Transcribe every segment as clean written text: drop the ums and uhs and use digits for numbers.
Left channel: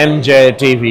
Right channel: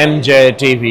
MJ TV।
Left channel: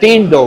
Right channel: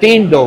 3-2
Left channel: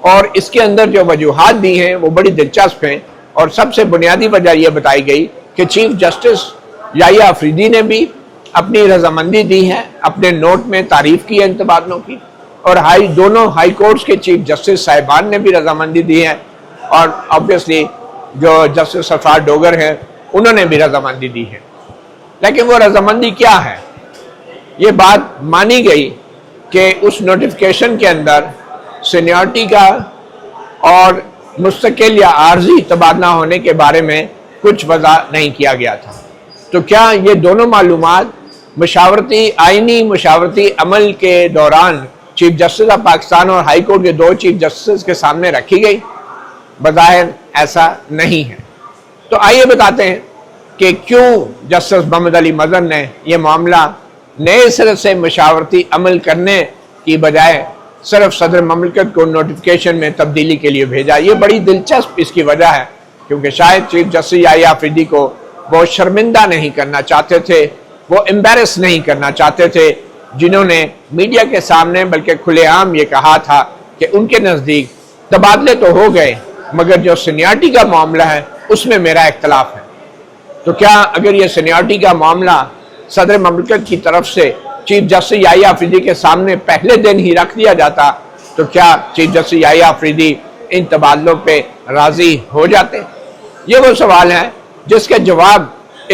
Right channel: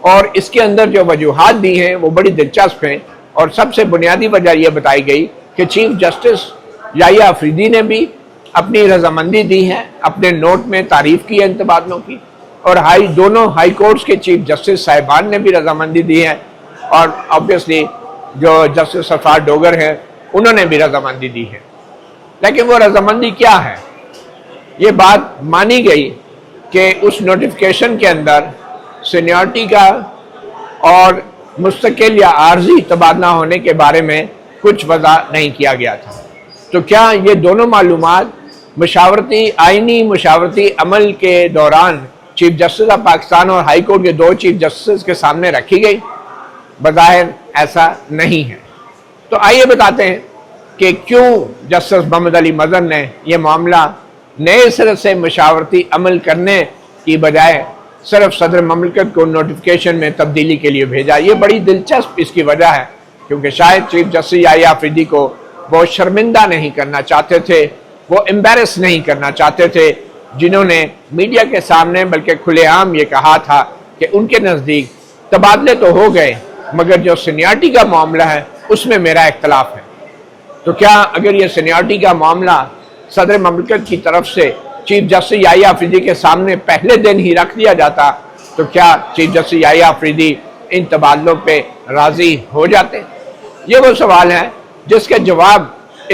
اور اس کے اندر جو وجوہات دی ہیں وہ بڑی دلچسپ ہیں، اور سب سے بنیادی وجہ یہ بتائی گئی کہ چیف جسٹس یحییٰ آفریدی نے بھی اپنی رضامندی دی ہے، اپنے نوٹ میں تعریف کی ہے ان تبادلوں کی، اور دونوں ہائی کورٹس کے چیف جسٹس صاحبان نے بھی رضامندی دی ہے، اور آبویسلی جو جسٹس صفوان ڈوگر ہیں انہوں نے بھی رضامندی دی ہے۔ لیکن وہ رضامندی کیا ہے؟ یہ بات مانی گئی کہ اس نوٹیفیکیشن کے اندر سینیورٹی کا اور مستقل یا عارضی تبادلہ ہونے کے بارے میں کچھ وضع نہیں کیا گیا تھا۔ تو کیا یہ دونوں معلومات آئینی مشاورتی عمل کے دوران چیف جسٹس آف پاکستان اور ہائی کورٹ کے دو چیف جسٹس کے سامنے رکھی گئی؟ بظاہر ایسا نہیں ہے۔ تو آئیے بتاتے ہیں کہ کیوں جسٹس محمد علی مظہر نے یہ معاملہ نئے سرے سے مشاورتی عمل کرنے کی بجائے صرف صدر مملکت کو نوٹیفیکیشن میں تبدیلی کے لیے بھیجا۔ یہ بڑی دلچسپ اس کی وجہ ہے، کیونکہ شاید چیف جسٹس یحییٰ آفریدی کو وہ شرمندہ نہیں کرنا چاہتے تھے، وہ امبیرس نہیں کرنا چاہتے تھے، جنہوں نے میڈیا کے سامنے بلکہ کھلے عام یہ کہا تھا کہ ان کے نزدیک تبادلے تو ہو گئے مگر جو سینیورٹی کا معاملہ ہے اس میں میرا اختلاف ہے۔ تو کیا اگر یہ سینیورٹی کا معاملہ صدر مملکت کی طرف سے چیف جسٹس یحییٰ آفریدی کے سامنے پہلے دن ہی رکھ دیا جاتا تو کیا چیف جسٹس یحییٰ آفریدی ان تبادلوں پہ راضی ہو جاتے؟ یہ وہ سوال ہے جس کا جواب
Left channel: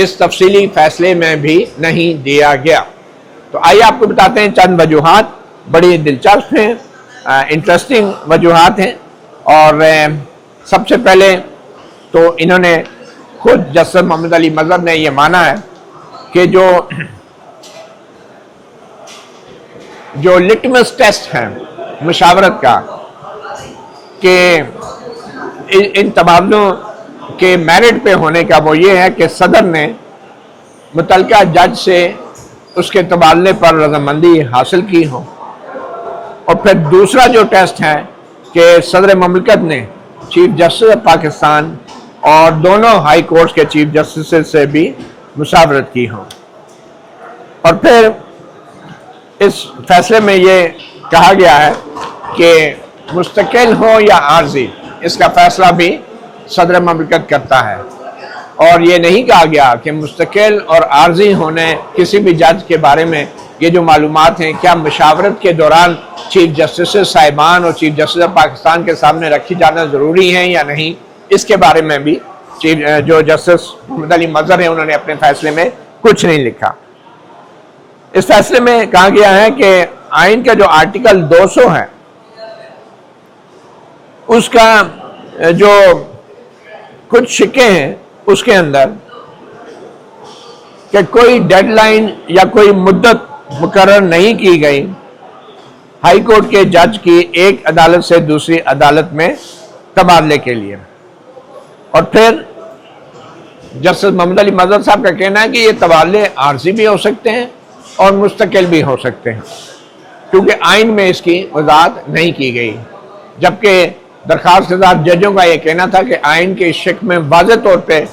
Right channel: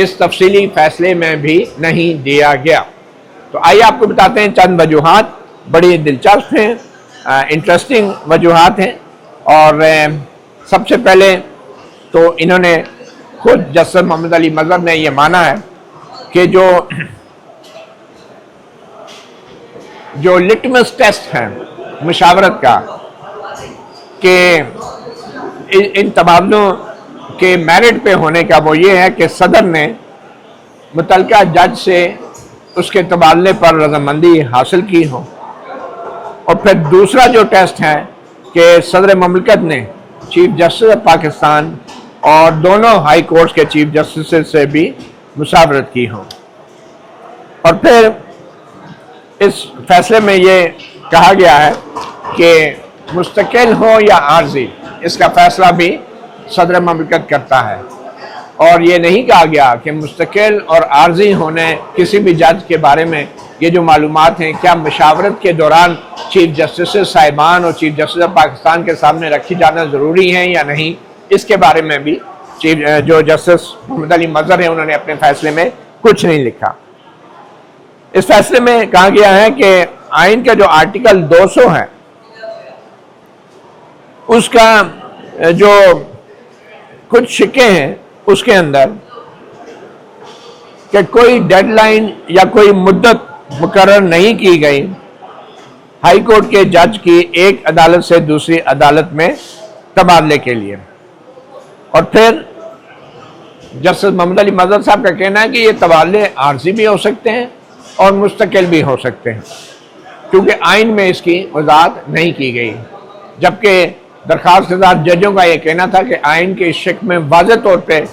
اس تفصیلی فیصلے میں بھی نہیں دیا گیا۔ تو آئیے آپ کو بتاتے ہیں چند وجوہات بڑی دلچسپ ہیں، انٹرسٹنگ وجوہات ہیں، اور سب سے پہلے تو انہوں نے خود جسٹس محمد علی مظہر نے یہ مانا ہے کہ جو لٹمس ٹیسٹ ہے مشاورت کا کہ ان تبادلوں کے میرٹ پہ ہونے کا وہ یہ ہے کہ صدر نے متعلقہ جج سے اس کے تبادلے پر رضامندی حاصل کی ہو، اور پھر دوسرا جو ٹیسٹ ہے کہ صدر مملکت نے چیف جسٹس آف پاکستان اور دونوں ہائی کورٹس کے چیف جسٹس سے بھی مشاورت کی ہو۔ اور پھر اس فیصلے میں یہ کہا گیا ہے کہ مستقل ہو یا عارضی، اس کا فیصلہ بھی صدر مملکت کرتا ہے، اور یہ نہیں کہا گیا کہ مستقل اور عارضی ہونے کسی بھی جج کے بارے میں یہ جو معلومات ہیں کیا مشاورت کے دوران چیف جسٹس صاحبان اور چیف جسٹس آف پاکستان کے سامنے رکھی جانا ضروری ہیں یا نہیں، اس کے بارے میں بھی جو جسٹس محمد علی مظہر ہیں انہوں نے اپنے فیصلے میں کچھ نہیں لکھا۔ اس فیصلے میں کہا گیا ہے کہ آئین کا جو آرٹیکل 200 ہے اس کا جو کچھ شکیں ہیں اس کے اندر کہ کوئی ڈیڈ لائن یا کوئی مدت مقرر نہیں کی گئی ہائی کورٹ کے جج کی ایک عدالت سے دوسری عدالت میں تبادلے کے لیے۔ اور پھر جسٹس محمد علی مظہر صاحب کا کہنا ہے کہ یہ تبادلے عارضی بھی ہو سکتے ہیں اور مستقل بھی ہو سکتے ہیں، کیونکہ آئین میں اس کی وضاحت نہیں کی گئی، جبکہ درخواست دار ججوں کا یہ کہنا تھا کہ آئین کے اس شق میں واضح طور پہ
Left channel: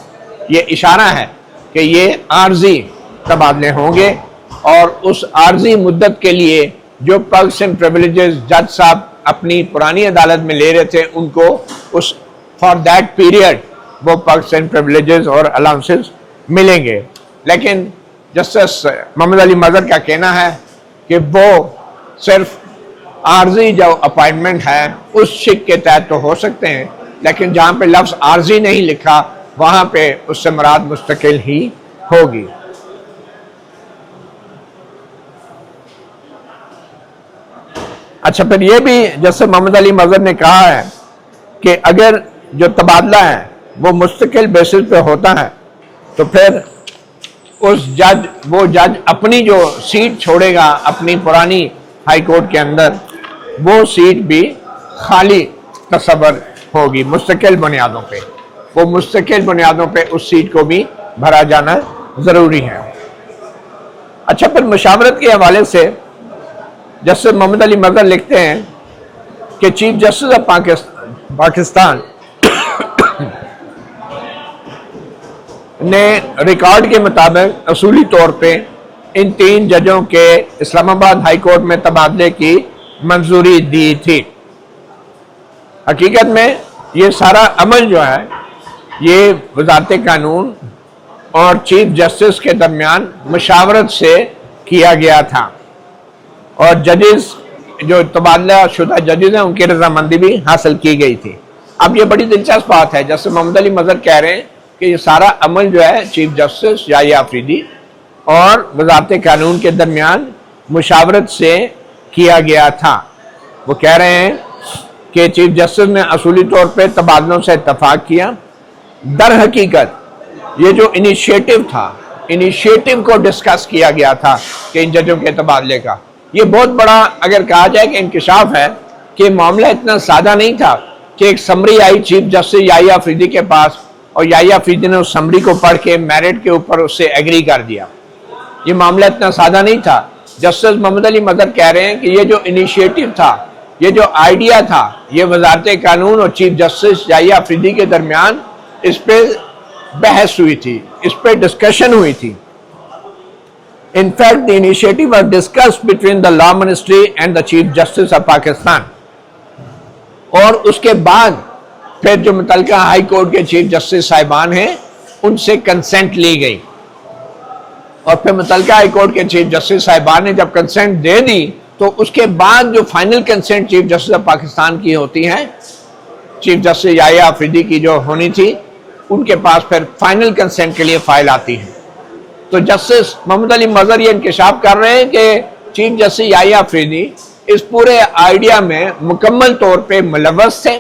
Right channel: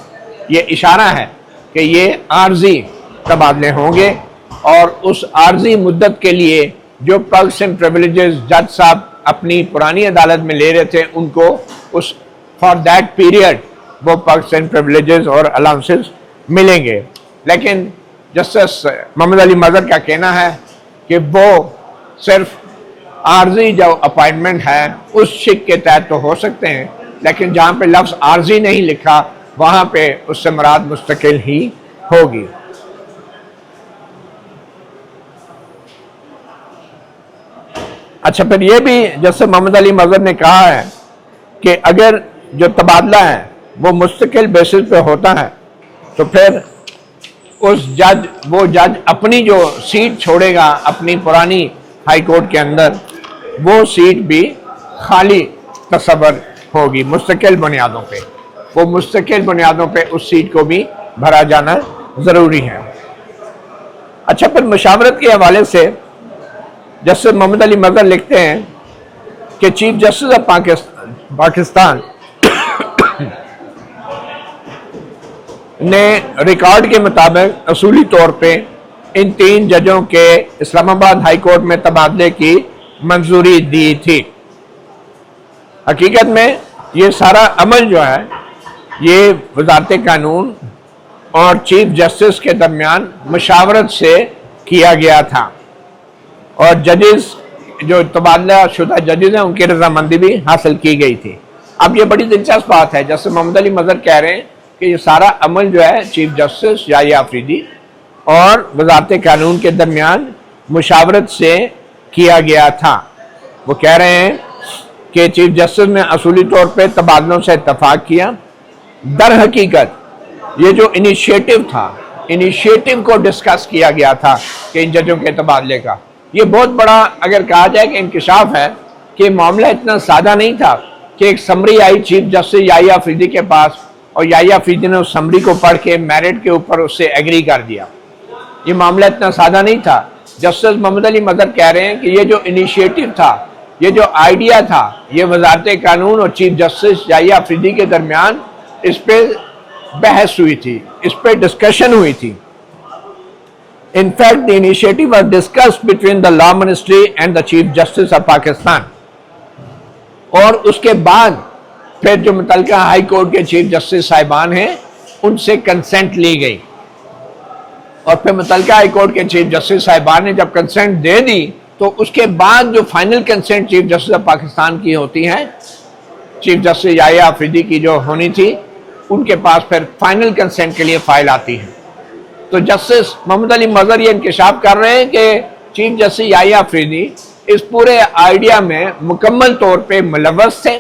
یہ اشارہ ہے کہ یہ عارضی تبادلے ہوں گے، اور اس عارضی مدت کے لیے جو پرکس اینڈ پریویلیجز جج صاحب اپنی پرانی عدالت میں لے رہے تھے ان کو اس فار دیٹ پیریڈ وہ پرکس اینڈ پریویلیجز اور الاؤنسز ملیں گے۔ لیکن جسٹس محمد علی مظہر کا کہنا ہے کہ وہ صرف عارضی جو اپائنٹمنٹ ہے اس شک کے تحت تو ہو سکتے ہیں، لیکن جہاں پہ لفظ عارضی نہیں لکھا وہاں پہ اس سے مراد مستقل ہی ہوگی۔ اچھا، پھر یہ بھی جسٹس محمد علی مظہر نے کہا ہے کہ اگر جو تبادلہ ہے وہ مستقل بیسس پہ ہوتا ہے تو پھر وہ جج اپنی جو سیٹ چھوڑے گا اپنی پرانی ہائی کورٹ کے اندر، وہ سیٹ بھی خالی تصور ہوگی مستقل بنیادوں پہ، وہ مستقل بنیادوں پہ اس سیٹ کو بھی بھرا جانا ضروری ہے۔ اچھا، پھر مشاورت کے حوالے سے جسٹس محمد علی مظہر لکھتے ہیں کہ چیف جسٹس آف پاکستان نے ریکارڈ کے مطابق اصولی طور پہ ان 3 ججوں کے اسلام آباد ہائی کورٹ میں تبادلے کی منظوری دی تھی۔ حقیقت میں یہ سارا عمل جو ہے یہ وزارت قانون اور چیف جسٹس کے درمیان مشاورت سے کیا گیا تھا، اور ججز جو تبادلہ شدہ ججز ہیں ان کی رضامندی بھی حاصل کی گئی تھی۔ اب یہ بڑی دلچسپ بات ہے، جیسے محمد علی مظہر کہہ رہے ہیں کہ یہ سارا عمل جو ہے چیف جسٹس یحییٰ آفریدی اور وزارت قانون کے درمیان مشاورت سے کیا گیا تھا۔ وہ کہہ رہے ہیں کہ چیف جسٹس نے اصولی طور پہ تبادلوں سے اتفاق کیا۔ در حقیقت یہ جو انیشیٹو تھا، انیشیٹو کو ڈسکس کیا گیا تھا کہ ان ججوں کے تبادلے کا، یہ بہت بڑا اگر کہا جائے کہ انکشاف ہے کہ معاملہ اتنا سادہ نہیں تھا کہ ایک سمری آئی چیف جسٹس یحییٰ آفریدی کے پاس اور یحییٰ آفریدی نے اس سمری کو پڑھ کے میرٹ کے اوپر اس سے ایگری کر دیا۔ یہ معاملہ اتنا سادہ نہیں تھا۔ جسٹس محمد علی مظہر کہہ رہے ہیں کہ یہ جو انیشیٹو تھا، یہ جو آئیڈیا تھا، یہ وزارت قانون اور چیف جسٹس یحییٰ آفریدی کے درمیان اس پہ بحث ہوئی تھی، اس پہ ڈسکشن ہوئی تھی۔ In fact, the initiative was discussed between the Law Ministry and the Chief Justice of Pakistan. اور اس کے بعد پھر جو متعلقہ ہائی کورٹ کے چیف جسٹس صاحبان ہیں ان سے کنسنٹ لی گئی، اور پھر متعلقہ ہائی کورٹ کے چیف جسٹس صاحبان نے جب کنسنٹ دے دی تو اس کے بعد جو final consent chief justice of Pakistan کی ہوتی ہے، چیف جسٹس یحییٰ آفریدی کی جو ہونی تھی، ان کے پاس پھر فائنل کنسنٹ کے لیے فائل آتی ہے۔ تو جسٹس محمد علی مظہر یہ انکشاف کر رہے ہیں کہ چیف جسٹس یحییٰ آفریدی اس پورے آئیڈیا میں مکمل طور پہ ملوث تھے،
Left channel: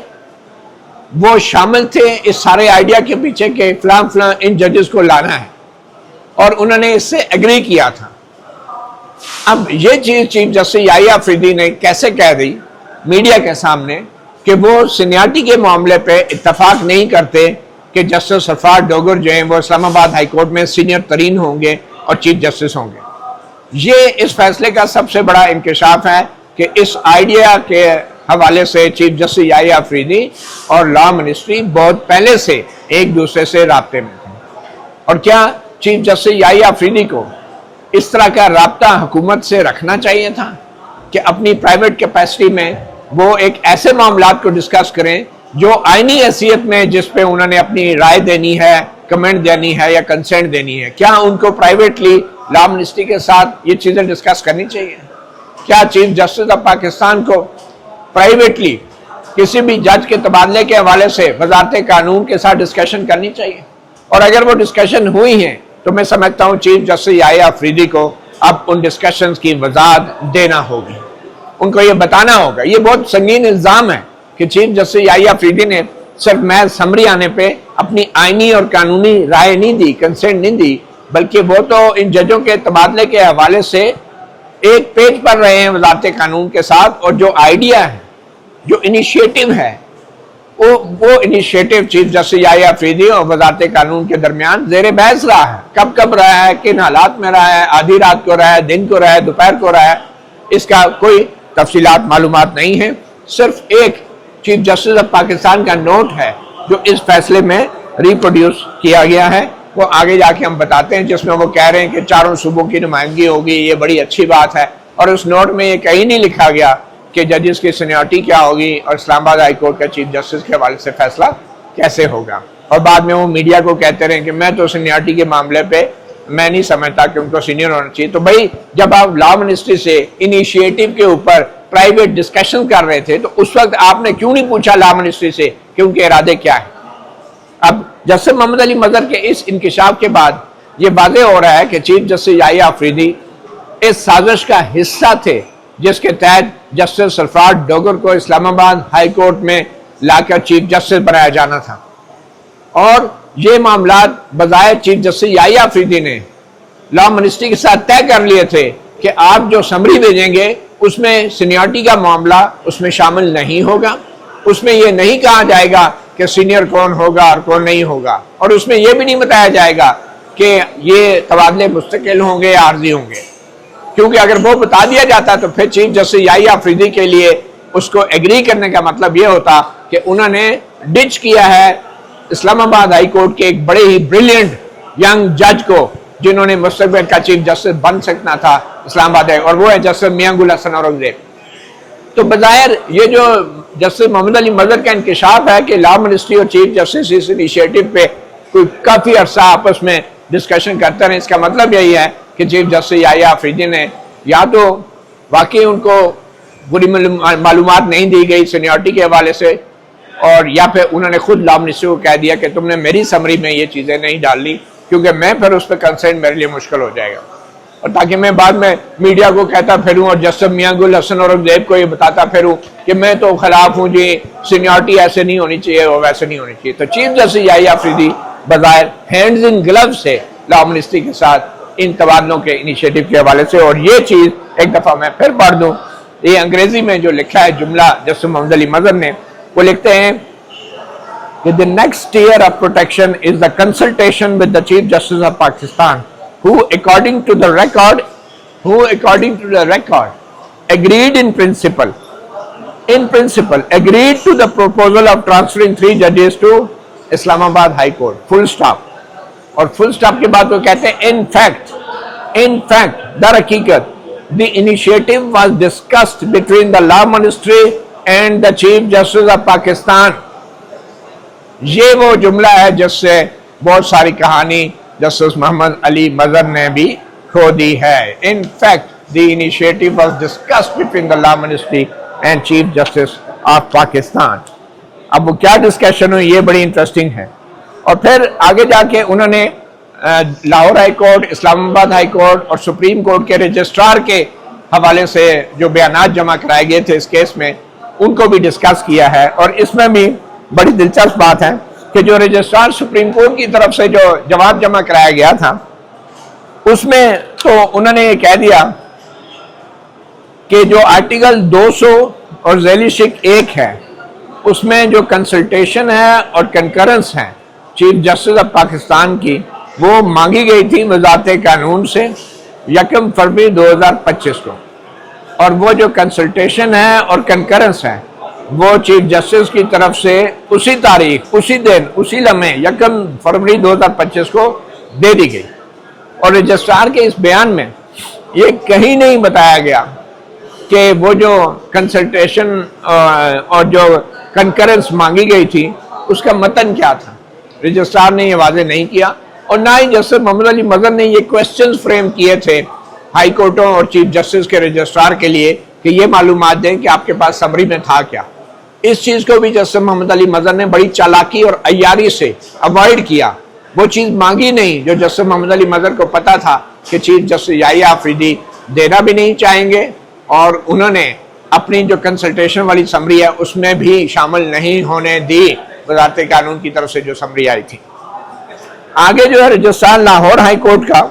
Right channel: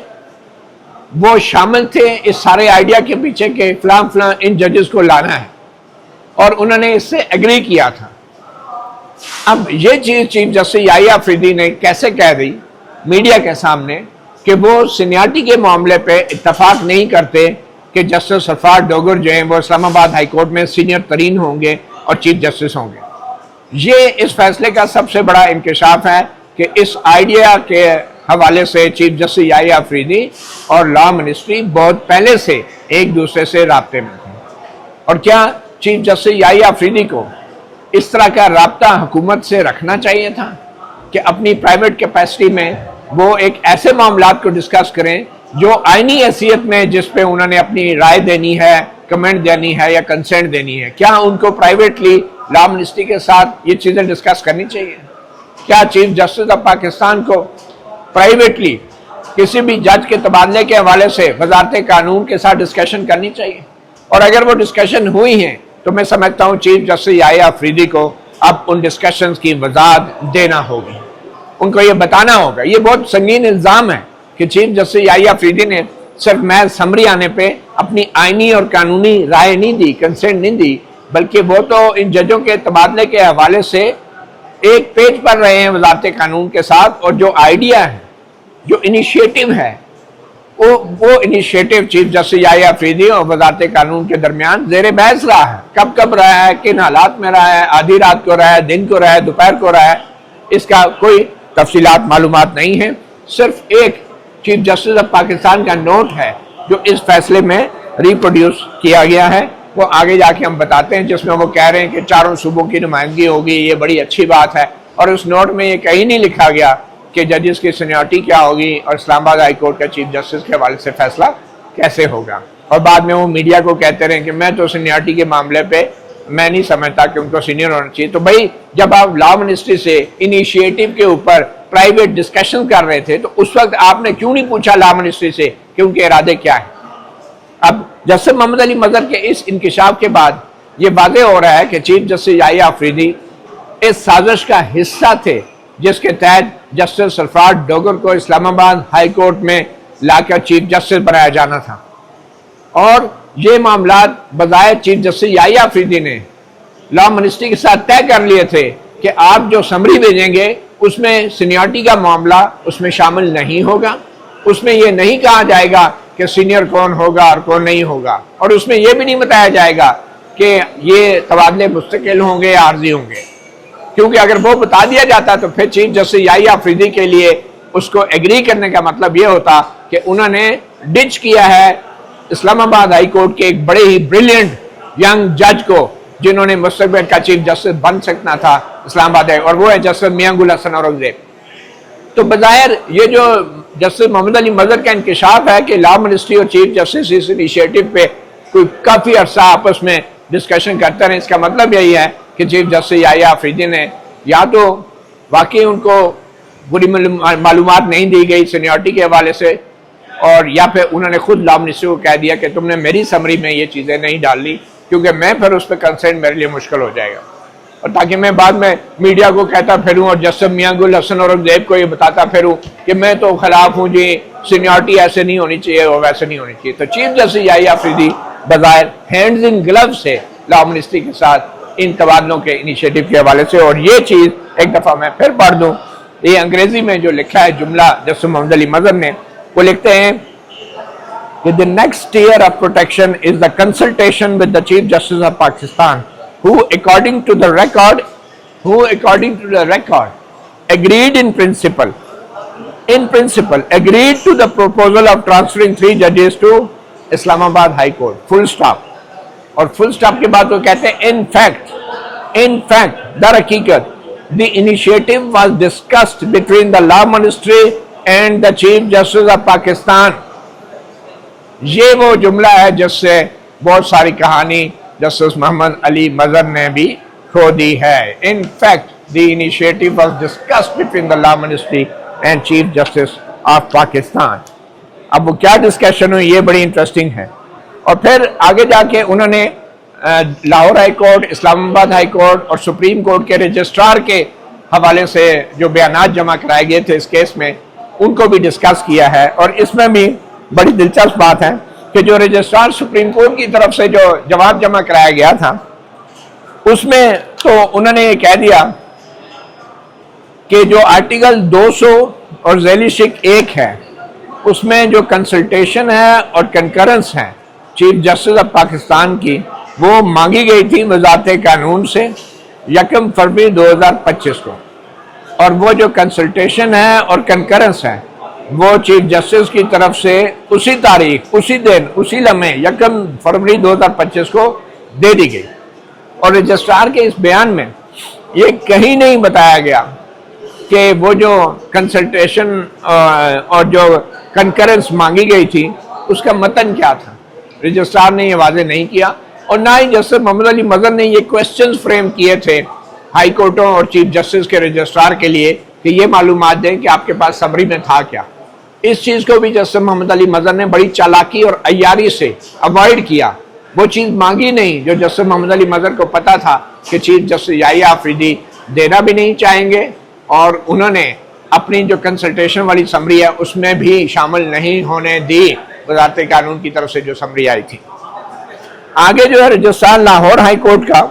وہ شامل تھے اس سارے آئیڈیا کے پیچھے کہ فلاں فلاں ان ججز کو لانا ہے، اور انہوں نے اس سے ایگری کیا تھا۔ اب یہ چیز چیف جسٹس یحییٰ آفریدی نے کیسے کہہ دی میڈیا کے سامنے کہ وہ سینیارٹی کے معاملے پہ اتفاق نہیں کرتے کہ جسٹس سرفراز ڈوگر جو ہیں وہ اسلام آباد ہائی کورٹ میں سینئر ترین ہوں گے اور چیف جسٹس ہوں گے۔ یہ اس فیصلے کا سب سے بڑا انکشاف ہے کہ اس آئیڈیا کے حوالے سے چیف جسٹس یحییٰ آفریدی اور لا منسٹری بہت پہلے سے ایک دوسرے سے رابطے میں تھے۔ اور کیا چیف جسٹس یحییٰ آفریدی کو اس طرح کا رابطہ حکومت سے رکھنا چاہیے تھا کہ اپنی پرائیویٹ کیپیسٹی میں وہ ایک ایسے معاملات کو ڈسکس کریں جو آئینی حیثیت میں جس پہ انہوں نے اپنی رائے دینی ہے، کمنٹ دینی ہے یا کنسنٹ دینی ہے، کیا ان کو پرائیویٹلی لا منسٹری کے ساتھ یہ چیزیں ڈسکس کرنی چاہیے؟ کیا چیف جسٹس آف پاکستان کو پرائیویٹلی کسی بھی جج کے تبادلے کے حوالے سے وزارت قانون کے ساتھ ڈسکشن کرنی چاہیے؟ اور اگر وہ ڈسکشن ہوئی ہیں تو میں سمجھتا ہوں چیف جسٹس یحییٰ آفریدی کو اب ان ڈسکشنز کی وضاحت دینا ہوگی، ان کو یہ بتانا ہوگا۔ یہ بہت سنگین الزام ہے کہ چیف جسٹس یحییٰ آفریدی نے صرف محض سمری آنے پہ اپنی آئینی اور قانونی رائے نہیں دی، کنسنٹ نہیں دی، بلکہ وہ تو ان ججوں کے تبادلے کے حوالے سے ایک پیج پر رہے ہیں وزارت قانون کے ساتھ، اور جو آئیڈیا ہے، جو انیشیٹو ہے، وہ انیشیٹو چیف جسٹس یحییٰ آفریدی اور وزارت قانون کے درمیان زیر بحث رہا ہے۔ کب رہا ہے، کن حالات میں رہا ہے، آدھی رات کو رہا ہے، دن کو رہا ہے، دوپہر کو رہا ہے، اس کا کوئی تفصیلات معلومات نہیں ہے۔ صرف ایک چیف جسٹس آف پاکستان کا نوٹ ہے جو اس فیصلے میں ریپروڈیوس کیا گیا ہے، وہ آگے جا کے ہم بتاتے ہیں، جس میں وہ کہہ رہے ہیں کہ چاروں صوبوں کی نمائندگی ہوگی، یہ بڑی اچھی بات ہے، اور اس نوٹ میں یہ کہیں نہیں لکھا گیا کہ ججز کی سینیورٹی کیا ہوگی اور اسلام آباد ہائی کورٹ کا چیف جسٹس کے حوالے سے فیصلہ کیسے ہوگا۔ اور بعد میں وہ میڈیا کو کہتے رہے کہ میں تو سینیورٹی کے معاملے پہ میں نہیں سمجھتا کہ ان کو سینئر ہونا چاہیے۔ تو بھائی جب آپ لا منسٹری سے انیشیٹو کے اوپر پرائیویٹ ڈسکشن کر رہے تھے تو اس وقت آپ نے کیوں نہیں پوچھا لا منسٹری سے کہ ان کے ارادے کیا ہیں؟ اب جسٹس محمد علی مظہر کے اس انکشاف کے بعد یہ واضح ہو رہا ہے کہ چیف جسٹس یحییٰ آفریدی اس سازش کا حصہ تھے جس کے تحت جسٹس سرفراز ڈوگر کو اسلام آباد ہائی کورٹ میں لا کر چیف جسٹس بنایا جانا تھا، اور یہ معاملات بظاہر چیف جسٹس یحییٰ آفریدی نے لا منسٹری کے ساتھ طے کر لیے تھے کہ آپ جو سمری بھیجیں گے اس میں سینیورٹی کا معاملہ اس میں شامل نہیں ہوگا، اس میں یہ نہیں کہا جائے گا کہ سینئر کون ہوگا اور کون نہیں ہوگا، اور اس میں یہ بھی نہیں بتایا جائے گا کہ یہ تبادلے مستقل ہوں گے یا عارضی ہوں گے، کیونکہ اگر وہ بتا دیا جاتا تو پھر چیف جسٹس یحییٰ آفریدی کے لیے اس کو ایگری کرنے کا مطلب یہ ہوتا کہ انہوں نے ڈچ کیا ہے اسلام آباد ہائی کورٹ کے ایک بڑے ہی بریلینٹ ینگ جج کو جنہوں نے مستقبل کا چیف جسٹس بن سکنا تھا اسلام آباد ہے، اور وہ ہے جسٹس میاں گل حسن اورنگزیب۔ تو بظاہر یہ جو جسٹس محمد علی مظہر کا انکشاف ہے کہ لا منسٹری اور چیف جسٹس اس انیشیٹو پہ کوئی کافی عرصہ آپس میں ڈسکشن کرتے رہے، اس کا مطلب یہی ہے کہ چیف جسٹس یحییٰ آفریدی نے یا تو واقعی ان کو پوری معلومات نہیں دی گئی سینیورٹی کے حوالے سے، اور یا پھر انہوں نے خود لا منسٹری کو کہہ دیا کہ تم نے میری سمری میں یہ چیزیں نہیں ڈال لی کیونکہ میں پھر اس پہ کنسرن میرے لیے مشکل ہو جائے گا، اور تاکہ میں بعد میں میڈیا کو کہتا پھروں اور جسٹس میاں گل حسن اورنگزیب کو یہ بتاتا پھروں کہ میں تو خلاف ہوں جی، سینیورٹی ایسے نہیں ہونی چاہیے اور ویسے نہیں ہونی چاہیے۔ تو چیف جسٹس یحییٰ آفریدی بظاہر ہینڈز ان گلو سے لا منسٹری کے ساتھ ان تبادلوں کے انیشیٹو کے حوالے سے، اور یہ چیز ایک دفعہ میں پھر پڑھ دوں، یہ انگریزی میں جو لکھا ہے جملہ جسٹس محمد علی مظہر نے، وہ لکھتے ہیں کہ the next tier of protection is the consultation with the Chief Justice of Pakistan, who according to the record agreed in principle agreed to the proposal of transferring 3 judges to Islam Abad High Court, full stop. اور full stop کے بعد وہ کہتے ہیں in fact در حقیقت the initiative was discussed between the law ministry and the Chief Justice of Pakistan. یہ وہ جملہ ہے جس سے بہت ساری کہانی جسٹس محمد علی مظہر نے بھی کھو دی ہے۔ In fact, the initiative was discussed between the law ministry and Chief Justice of Pakistan. اب وہ کیا ڈسکشن ہوئی یہ بڑی انٹرسٹنگ ہے، اور پھر آگے جا کے انہوں نے لاہور ہائی کورٹ، اسلام آباد ہائی کورٹ اور سپریم کورٹ کے رجسٹرار کے حوالے سے جو بیانات جمع کرائے گئے تھے اس کیس میں ان کو بھی ڈسکس کیا ہے، اور اس میں بھی بڑی دلچسپ بات ہے کہ جو رجسٹرار سپریم کورٹ کی طرف سے جو جواب جمع کرایا گیا تھا اس میں تو انہوں نے یہ کہہ دیا کہ جو آرٹیکل 200 اور ذیلی شک 1 ہے اس میں جو کنسلٹیشن ہے اور کنکرنس ہے چیف جسٹس آف پاکستان کی وہ مانگی گئی تھی وزارت قانون سے 1 فروری 2025 کو، اور وہ جو کنسلٹیشن ہے اور کنکرنس ہے وہ چیف جسٹس کی طرف سے اسی تاریخ، اسی دن، اسی لمحے 1 فروری 2025 کو دے دی گئی، اور رجسٹرار کے اس بیان میں یہ کہیں نہیں بتایا گیا کہ وہ جو کنسلٹیشن اور جو کنکرنس مانگی گئی تھی اس کا متن کیا تھا۔ رجسٹرار نے یہ واضح نہیں کیا، اور نہ ہی جسٹس محمد علی مظہر نے یہ کوسچنز فریم کیے تھے ہائی کورٹوں اور چیف جسٹس کے رجسٹرار کے لیے کہ یہ معلومات دیں کہ آپ کے پاس سمری میں تھا کیا۔ اس چیز کو بھی جسٹس محمد علی مظہر نے بڑی چالاکی اور عیاری سے اوائڈ کیا، وہ چیز مانگی نہیں جو جسٹس محمد علی مظہر کو پتا تھا کہ چیف جسٹس یحییٰ آفریدی دینا بھی نہیں چاہیں گے، اور انہوں نے اپنی جو کنسلٹیشن والی سمری ہے اس میں بھی شامل نہیں ہونے دی وزارت قانون کی طرف سے جو سمری آئی تھی۔ آگے جو ہے رجسٹرار لاہور ہائی کورٹ کا،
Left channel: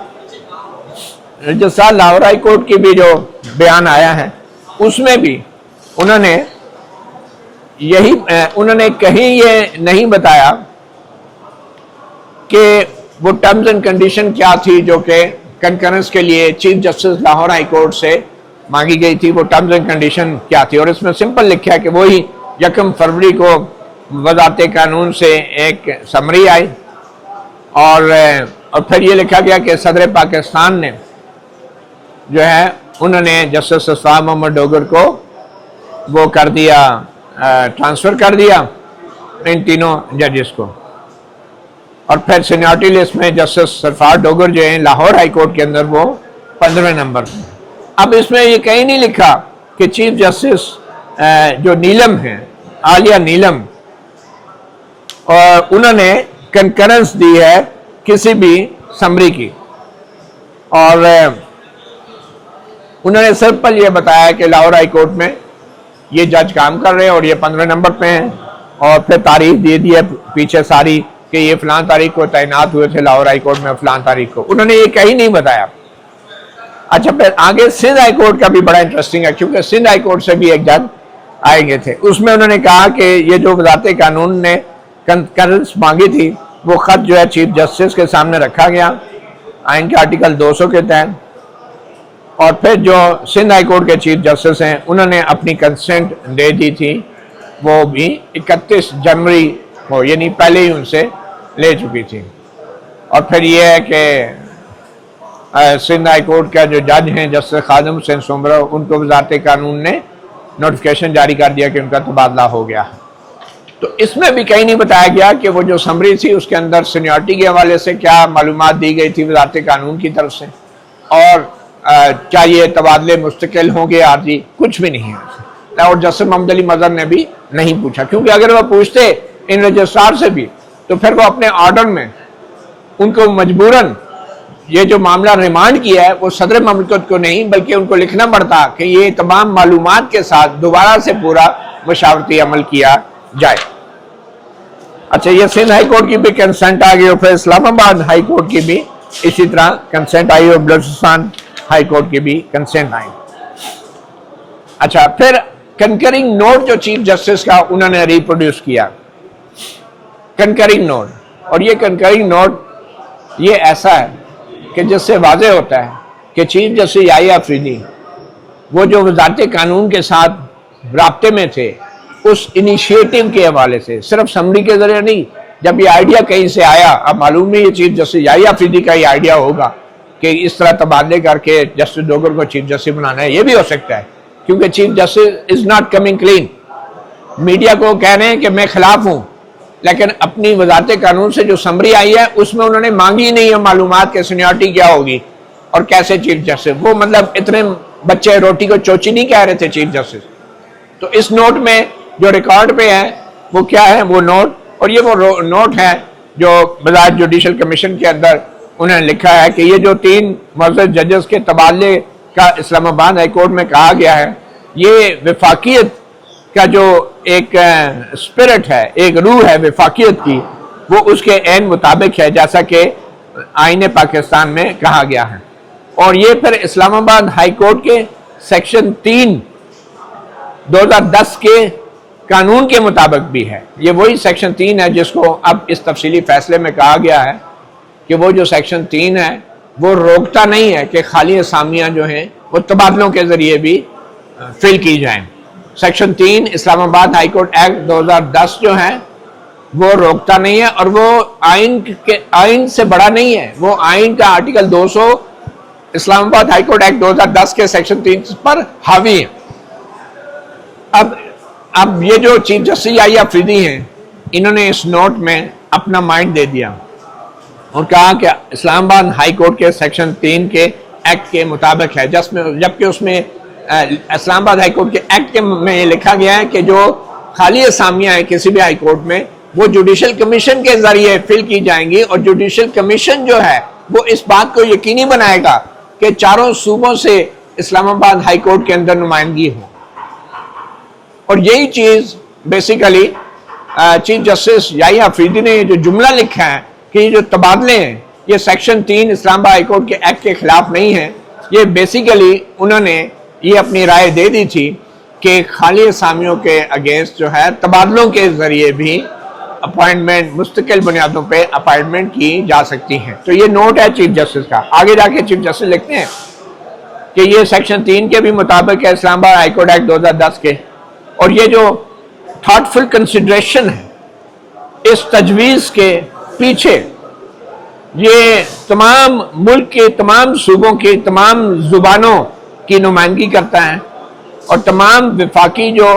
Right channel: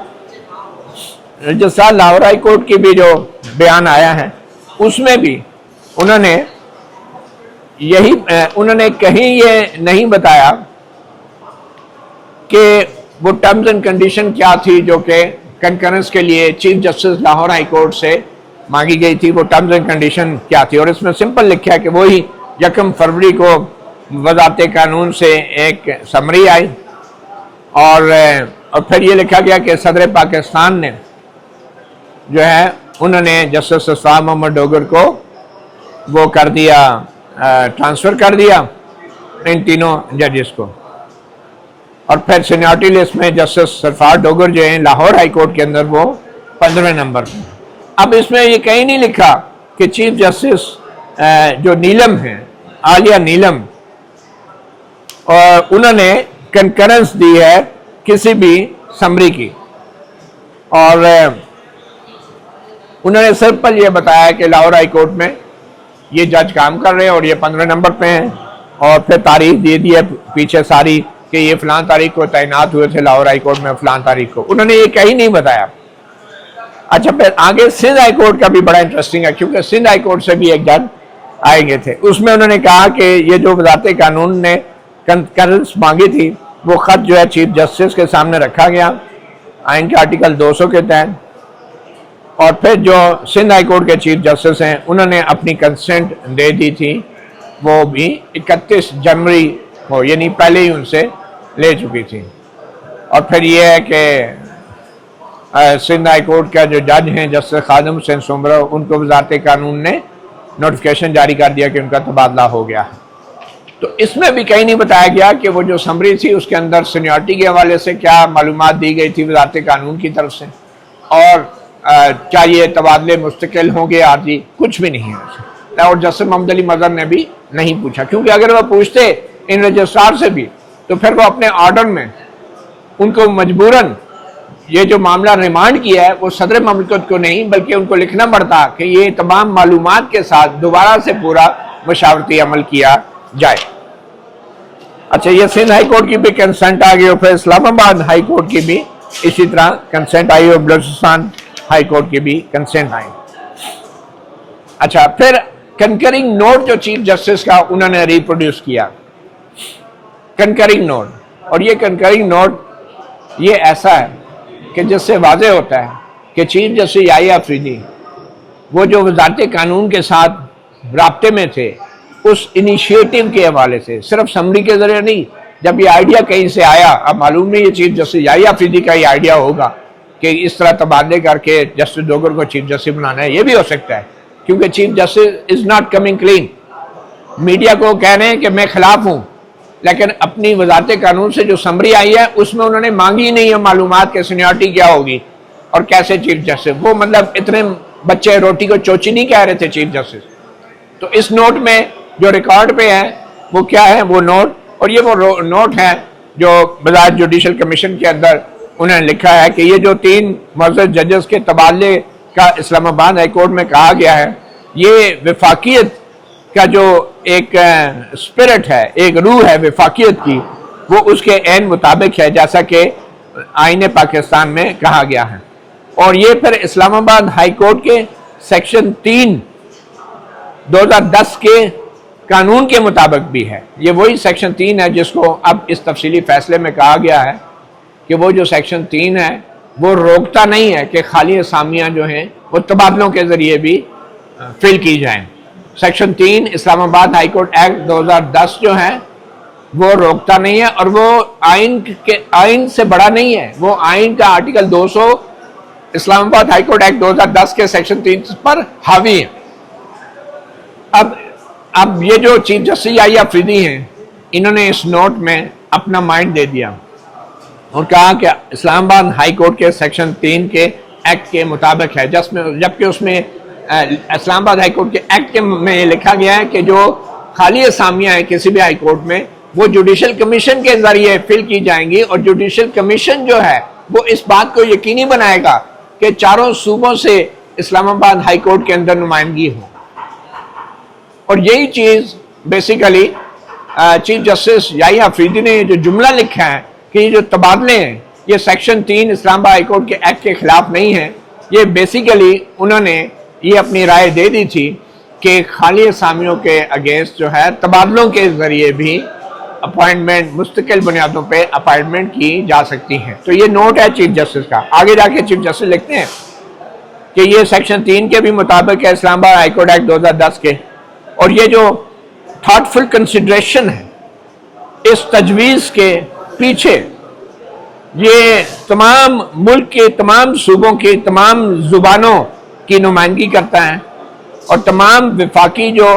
رجسٹرار لاہور ہائی کورٹ کی بھی جو بیان آیا ہے اس میں بھی انہوں نے کہیں یہ نہیں بتایا کہ وہ ٹرمز اینڈ کنڈیشن کیا تھی جو کہ کنکرنس کے لیے chief justice Lahore high court سے مانگی گئی تھی، وہ ٹرمز اینڈ کنڈیشن کیا تھی، اور اس میں سمپل لکھا ہے کہ وہی 1 فروری کو وزارت قانون سے ایک سمری آئی، اور پھر یہ لکھا گیا کہ صدر پاکستان نے جو ہے انہوں نے جسٹس صفوان محمد ڈوگر کو وہ کر دیا، ٹرانسفر کر دیا ان تینوں ججز کو، اور پھر سینیورٹی لسٹ میں جسٹس سرفراز ڈوگر جو ہیں لاہور ہائی کورٹ کے اندر وہ 15 نمبر پر۔ اب اس میں یہ کہیں نہیں لکھا کہ چیف جسٹس جو نیلم ہیں، عالیہ نیلم، اور انہوں نے کنکرنس دی ہے کسی بھی سمری کی، اور انہوں نے سمپل یہ بتایا کہ لاہور ہائی کورٹ میں یہ جج کام کر رہے ہیں اور یہ 15 نمبر پہ ہیں، اور پھر تاریخ دے دی ہے پیچھے ساری کہ یہ فلاں تاریخ کو تعینات ہوئے تھے لاہور ہائی کورٹ میں، فلاں تاریخ کو، انہوں نے یہ کہیں نہیں بتایا۔ اچھا پھر آگے سندھ ہائی کورٹ کا بھی بڑا انٹرسٹنگ ہے، کیونکہ سندھ ہائی کورٹ سے بھی ایک جج آئے گئے تھے، اس میں انہوں نے کہا کہ یہ جو وزارت قانون نے کنکرنس مانگی تھی وہ خط جو ہے چیف جسٹس کے سامنے رکھا گیا آئین کے آرٹیکل 200 کے تحت، اور پھر جو سندھ ہائی کورٹ کے چیف جسٹس ہیں انہوں نے اپنی کنسنٹ دے دی تھی، وہ بھی 31 جنوری کو، یعنی پہلے ہی ان سے لے چکی تھی۔ اور پھر یہ ہے کہ سندھ ہائی کورٹ کا جو جج ہیں جسٹس خادم حسین سمرو، ان کو وزارت قانون نے نوٹیفیکیشن جاری کر دیا کہ ان کا تبادلہ ہو گیا. تو اس میں بھی کہیں نہیں بتایا گیا کہ وہ جو سمری تھی اس کے اندر سینیورٹی کے حوالے سے کیا معلومات دی گئی تھی وزارت قانون کی طرف سے, اور کیا یہ تبادلے مستقل ہوں گے عارضی, کچھ بھی نہیں ہے. اور جسٹس محمد علی مظہر نے بھی نہیں پوچھا, کیونکہ اگر وہ پوچھتے ان رجسٹرار سے بھی تو پھر وہ اپنے آرڈر میں ان کو مجبوراً یہ جو معاملہ ریمانڈ کیا ہے وہ صدر مملکت کو نہیں بلکہ ان کو لکھنا پڑتا کہ یہ تمام معلومات کے ساتھ دوبارہ سے پورا مشاورتی عمل کیا جائے. اچھا, یہ سندھ ہائی کورٹ کی بھی کنسنٹ آ گئی اور پھر اسلام آباد ہائی کورٹ کی بھی اسی طرح کنسنٹ آئی اور بلوچستان ہائی کورٹ کی بھی کنسنٹ آئی. اچھا, پھر کنکرنگ نوٹ جو چیف جسٹس کا انہوں نے ریپروڈیوس کیا, کنکرنگ نوٹ, اور یہ کنکرنگ نوٹ یہ ایسا ہے کہ جس سے واضح ہوتا ہے کہ چیف جسٹس یحییٰ آفریدی وہ جو وزارت قانون کے ساتھ رابطے میں تھے اس انیشیٹو کے حوالے سے, صرف سمری کے ذریعے نہیں, جب یہ آئیڈیا کہیں سے آیا, اب معلوم نہیں یہ چیف جسٹس یحییٰ آفریدی کا یہ آئیڈیا ہوگا کہ اس طرح تبادلے کر کے جسٹس ڈوگر کو چیف جسٹس بنانا ہے, یہ بھی ہو سکتا ہے کیونکہ chief justice is not coming clean. Media کو کہہ رہے ہیں کہ میں خلاف ہوں, لیکن اپنی وزارت قانون سے جو سمری آئی ہے اس میں انہوں نے مانگی نہیں ہے معلومات کہ سینیورٹی کیا ہوگی اور کیسے چیف جسٹس, وہ مطلب اتنے بچے روٹی کو چوچی نہیں کہہ رہے تھے چیف جسٹس. تو اس نوٹ میں جو ریکارڈ پہ ہے وہ کیا ہے, وہ نوٹ, اور یہ وہ نوٹ ہے جو بذات جوڈیشل کمیشن کے اندر انہوں نے لکھا ہے کہ یہ جو 3 معزز ججز کے تبادلے کا اسلام آباد ہائی کورٹ میں کہا گیا ہے, یہ وفاقیت کا جو ایک اسپرٹ ہے, ایک روح ہے وفاقیت کی, وہ اس کے عین مطابق ہے جیسا کہ آئین پاکستان میں کہا گیا ہے. اور یہ پھر اسلام آباد ہائی کورٹ کے سیکشن 3 2010 کے قانون کے مطابق بھی ہے. یہ وہی سیکشن 3 ہے جس کو اب اس تفصیلی فیصلے میں کہا گیا ہے کہ وہ جو سیکشن 3 ہے وہ روکتا نہیں ہے کہ خالی اسامیاں جو ہیں وہ تبادلوں کے ذریعے بھی فل کی جائیں. سیکشن 3 اسلام آباد ہائی کورٹ ایکٹ 2010 جو ہے وہ روکتا نہیں ہے, اور وہ آئین سے بڑا نہیں ہے, وہ آئین کا آرٹیکل 200 اسلام آباد ہائی کورٹ ایکٹ 2010 کے سیکشن 3 پر حاوی ہے. اب یہ جو چیف جسٹس یحییٰ آفریدی ہیں انہوں نے اس نوٹ میں اپنا مائنڈ دے دیا اور کہا کہ اسلام آباد ہائی کورٹ کے سیکشن 3 کے ایکٹ کے مطابق ہے, جبکہ اس میں اسلام آباد ہائی کورٹ کے ایکٹ میں لکھا گیا ہے کہ جو خالی اسامیاں ہیں کسی بھی ہائی کورٹ میں وہ جوڈیشل کمیشن کے ذریعے فل کی جائیں گی, اور جوڈیشل کمیشن جو ہے وہ اس بات کو یقینی بنائے گا کہ چاروں صوبوں سے اسلام آباد ہائی کورٹ کے اندر نمائندگی ہو. اور یہی چیز بیسیکلی چیف جسٹس یحییٰ آفریدی نے جو جملہ لکھا ہے کہ یہ جو تبادلے ہیں یہ سیکشن 3 اسلام آباد ہائی کورٹ کے ایکٹ کے خلاف نہیں ہے, یہ بیسیکلی انہوں نے یہ اپنی رائے دے دی تھی کہ خالی اسامیوں کے اگینسٹ جو ہے تبادلوں کے ذریعے بھی اپائنٹمنٹ مستقل بنیادوں پہ اپائنٹمنٹ کی جا سکتی ہے. تو یہ نوٹ ہے چیف جسٹس کا. آگے جا کے چیف جسٹس لکھتے ہیں کہ یہ سیکشن 3 کے بھی مطابق ہے اسلام آباد ہائی کورٹ ایکٹ 2010 کے, اور یہ جو تھاٹفل کنسیڈریشن ہے اس تجویز کے پیچھے یہ تمام ملک کے تمام صوبوں کی تمام زبانوں کی نمائندگی کرتا ہے, اور تمام وفاقی جو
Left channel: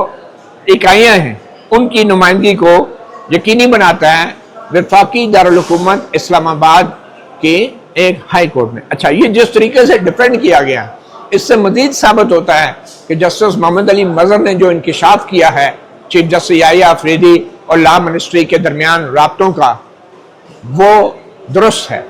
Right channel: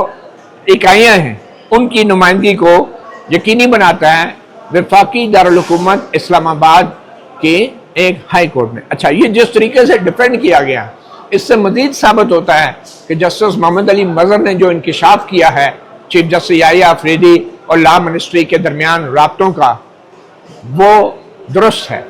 اکائیاں ہیں ان کی نمائندگی کو یقینی بناتا ہے وفاقی دارالحکومت اسلام آباد کے ایک ہائی کورٹ میں. اچھا, یہ جس طریقے سے ڈیفینڈ کیا گیا اس سے مزید ثابت ہوتا ہے کہ جسٹس محمد علی مظہر نے جو انکشاف کیا ہے چیف جسٹس یحییٰ آفریدی اور لا منسٹری کے درمیان رابطوں کا وہ درست ہے.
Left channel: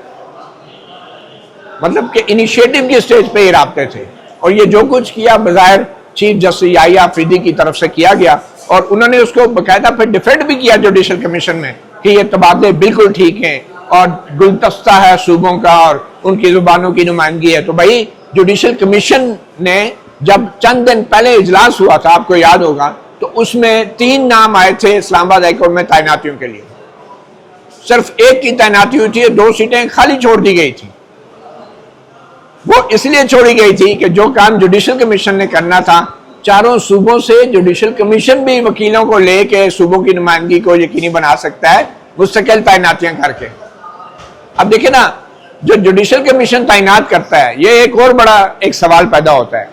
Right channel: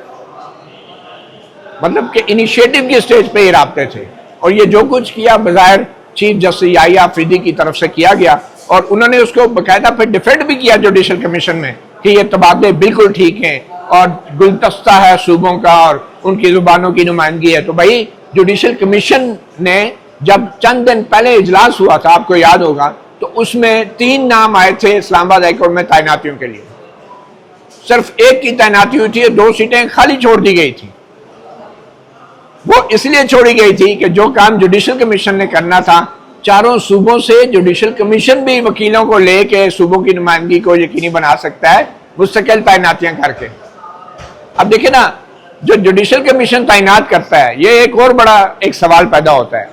مطلب کہ انیشیٹو کی سٹیج پہ یہ رابطے تھے, اور یہ جو کچھ کیا بظاہر چیف جسٹس یحییٰ آفریدی کی طرف سے کیا گیا, اور انہوں نے اس کو باقاعدہ پھر ڈیفینڈ بھی کیا جوڈیشل کمیشن میں کہ یہ تبادلے بالکل ٹھیک ہیں اور گلدستہ ہے صوبوں کا اور ان کی زبانوں کی نمائندگی ہے. تو بھائی جوڈیشل کمیشن نے جب چند دن پہلے اجلاس ہوا تھا آپ کو یاد ہوگا تو اس میں 3 نام آئے تھے اسلام آباد ہائی کورٹ میں تعیناتیوں کے لیے, صرف ایک کی تعیناتی ہوئی تھی, 2 سیٹیں خالی چھوڑ دی گئی تھی. وہ اس لیے چھوڑی گئی تھی کہ جو کام جوڈیشل کمیشن نے کرنا تھا چاروں صوبوں سے جوڈیشل کمیشن بھی وکیلوں کو لے کے صوبوں کی نمائندگی کو یقینی بنا سکتا ہے مستقل تعیناتیاں کر کے. اب دیکھیں نا, جو جوڈیشل کمیشن تعینات کرتا ہے یہ ایک اور بڑا ایک سوال پیدا ہوتا ہے.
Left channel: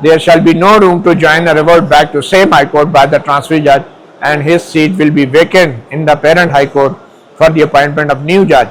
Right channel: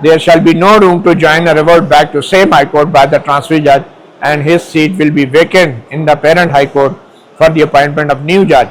there shall be no room to join or revert back to same high court by the transfer judge and his seat will be vacant in the parent high court for the appointment of new judge।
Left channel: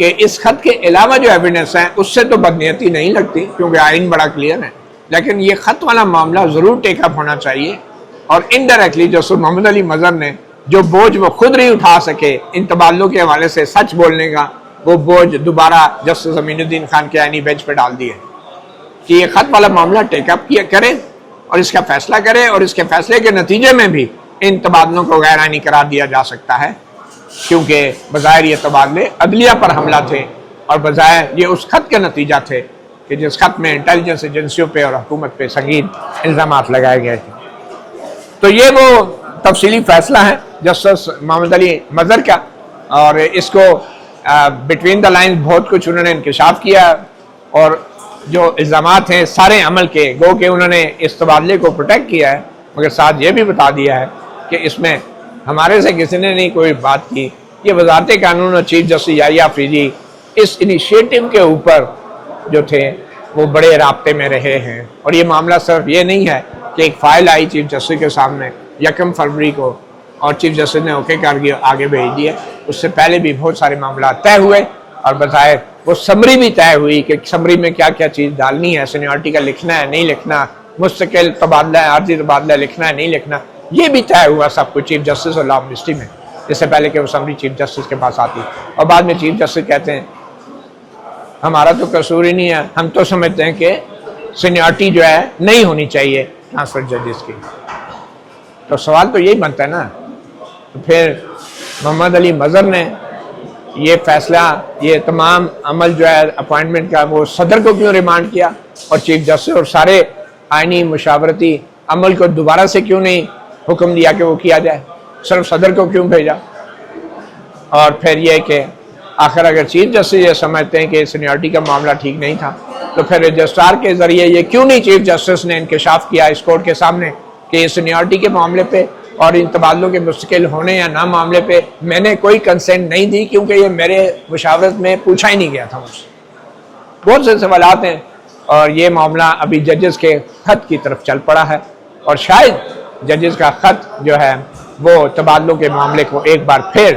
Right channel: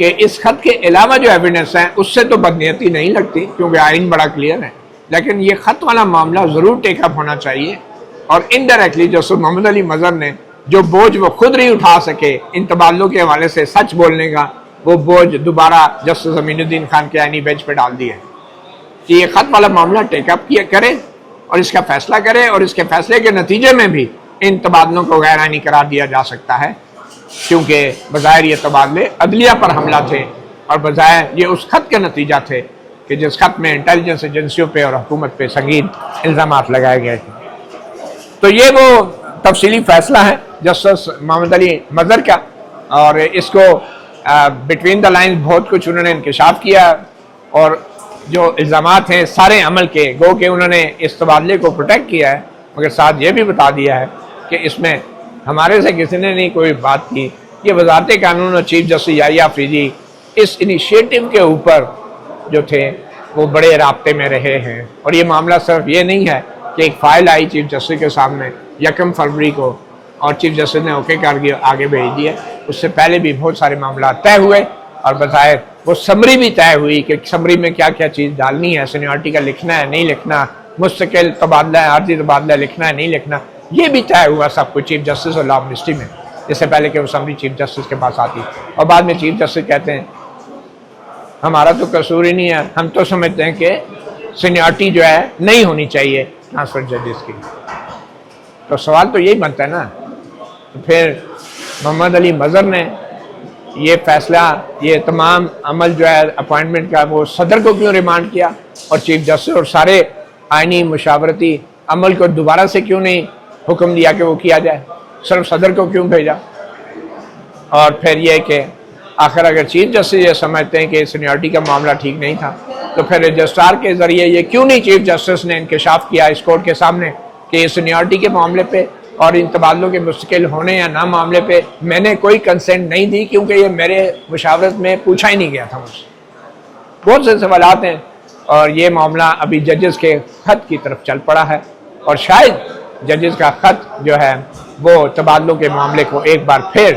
کہ اس خط کے علاوہ جو evidence ہے اس سے تو بدنیتی نہیں لگتی کیونکہ آئین بڑا کلیئر ہے، لیکن یہ خط والا معاملہ ضرور ٹیک اپ ہونا چاہیے، اور انڈائریکٹلی جسٹس محمد علی مظہر نے جو بوجھ وہ خود نہیں اٹھا سکے ان تبادلوں کے حوالے سے سچ بولنے کا، وہ بوجھ دوبارہ جسٹس امین الدین خان کے آئینی بینچ پہ ڈال دیا ہے کہ یہ خط والا معاملہ ٹیک اپ کرے اور اس کا فیصلہ کرے، اور اس کے فیصلے کے نتیجے میں بھی ان تبادلوں کو غیر آئینی قرار دیا جا سکتا ہے، کیونکہ بظاہر یہ تبادلے عدلیہ پر حملہ تھے اور بظاہر یہ اس خط کا نتیجہ تھے کہ جس خط میں انٹیلیجنس ایجنسیوں پہ اور حکومت پہ سنگین الزامات لگائے گئے تھے۔ تو یہ وہ تفصیلی فیصلہ ہے جسٹس محمد علی مظہر کا، اور اس کو بٹوین دا لائن بہت کچھ انہوں نے انکشاف کیا، اور جو الزامات ہیں سارے عمل کے، گو کہ انہوں نے اس تبادلے کو پروٹیکٹ کیا ہے، مگر ساتھ یہ بھی بتا دیا ہے کہ اس میں ہمارے سے کسی نے نہیں کوئی بات کی۔ یہ وزارت قانون اور چیف جسٹس یحییٰ فریدی اس انیشیٹو کے اوپر جو تھے وہ بڑے رابطے میں رہے ہیں، اور یہ معاملہ صرف یہ نہیں ہے کہ ایک فائل آئی چیف جسٹس کے سامنے 1 فروری کو اور چیف جسٹس نے اوکے کر کے آگے بھیج دیا، اس سے پہلے بھی بہت سارے معاملات طے ہوئے، اور بظاہر وہ سمری بھی طے ہوئی کہ سمری میں کیا کیا چیز ڈالنی ہے، سینیورٹی کا لکھنا ہے نہیں لکھنا، مستقل تبادلہ عارضی تبادلہ لکھنا ہے نہیں لکھنا، یہ بھی طے ہوا سب کچھ چیف جسٹس اور لا منسٹری میں، اس سے پہلے کہ وہ سمری چیف جسٹس کے پاس آتی، اور بعد میں چیف جسٹس کہتے ہیں ہمارا تو قصور ہی نہیں ہے، ہم تو سمجھتے ہیں کہ سینیورٹی جو ہے نہیں ہونی چاہیے ٹرانسفر ججز کی۔ تو سوال تو یہی بنتا ہے نا، پھر محمد علی مظہر نے یہ فیصلہ، یہ تمام عمل جو ہے اپوائنٹمنٹ کا، وہ صدر کو کیوں ریمانڈ کیا، اور چیف جسٹس اور سارے آئینی مشاورتی عمل کو دوبارہ سے کیوں نہیں حکم دیا کہ وہ کیا جائے، صرف صدر کو کیوں بھیجا؟ اور پھر یہ کہ آخر اگر چیف جسٹس یہ سمجھتے ہیں کہ سینیورٹی کا معاملہ ٹھیک نہیں تھا تو پھر رجسٹرار کے ذریعے یہ کیوں نہیں چیف جسٹس نے انکشاف کیا اس کورٹ کے سامنے کہ سینیورٹی کے معاملے پہ اور ان تبادلوں کے مستقل ہونے یا نہ معاملے پہ میں نے کوئی کنسنٹ نہیں دی، کیونکہ یہ میرے مشاورت میں پوچھا ہی نہیں گیا تھا مجھ سے۔ بہت سے سوالات ہیں، اور یہ معاملہ ابھی ججز کے خط کی طرف چل پڑا ہے، اور شاید ججز کا خط جو ہے وہ تبادلوں کے معاملے کو ایک بار پھر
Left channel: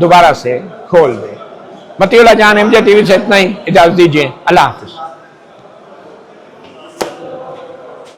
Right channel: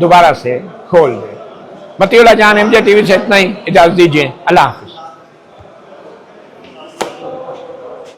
دوبارہ سے کھول دے۔ مطیع اللہ جان، MJ TV سے اتنا ہی، اجازت دیجیے، اللہ حافظ۔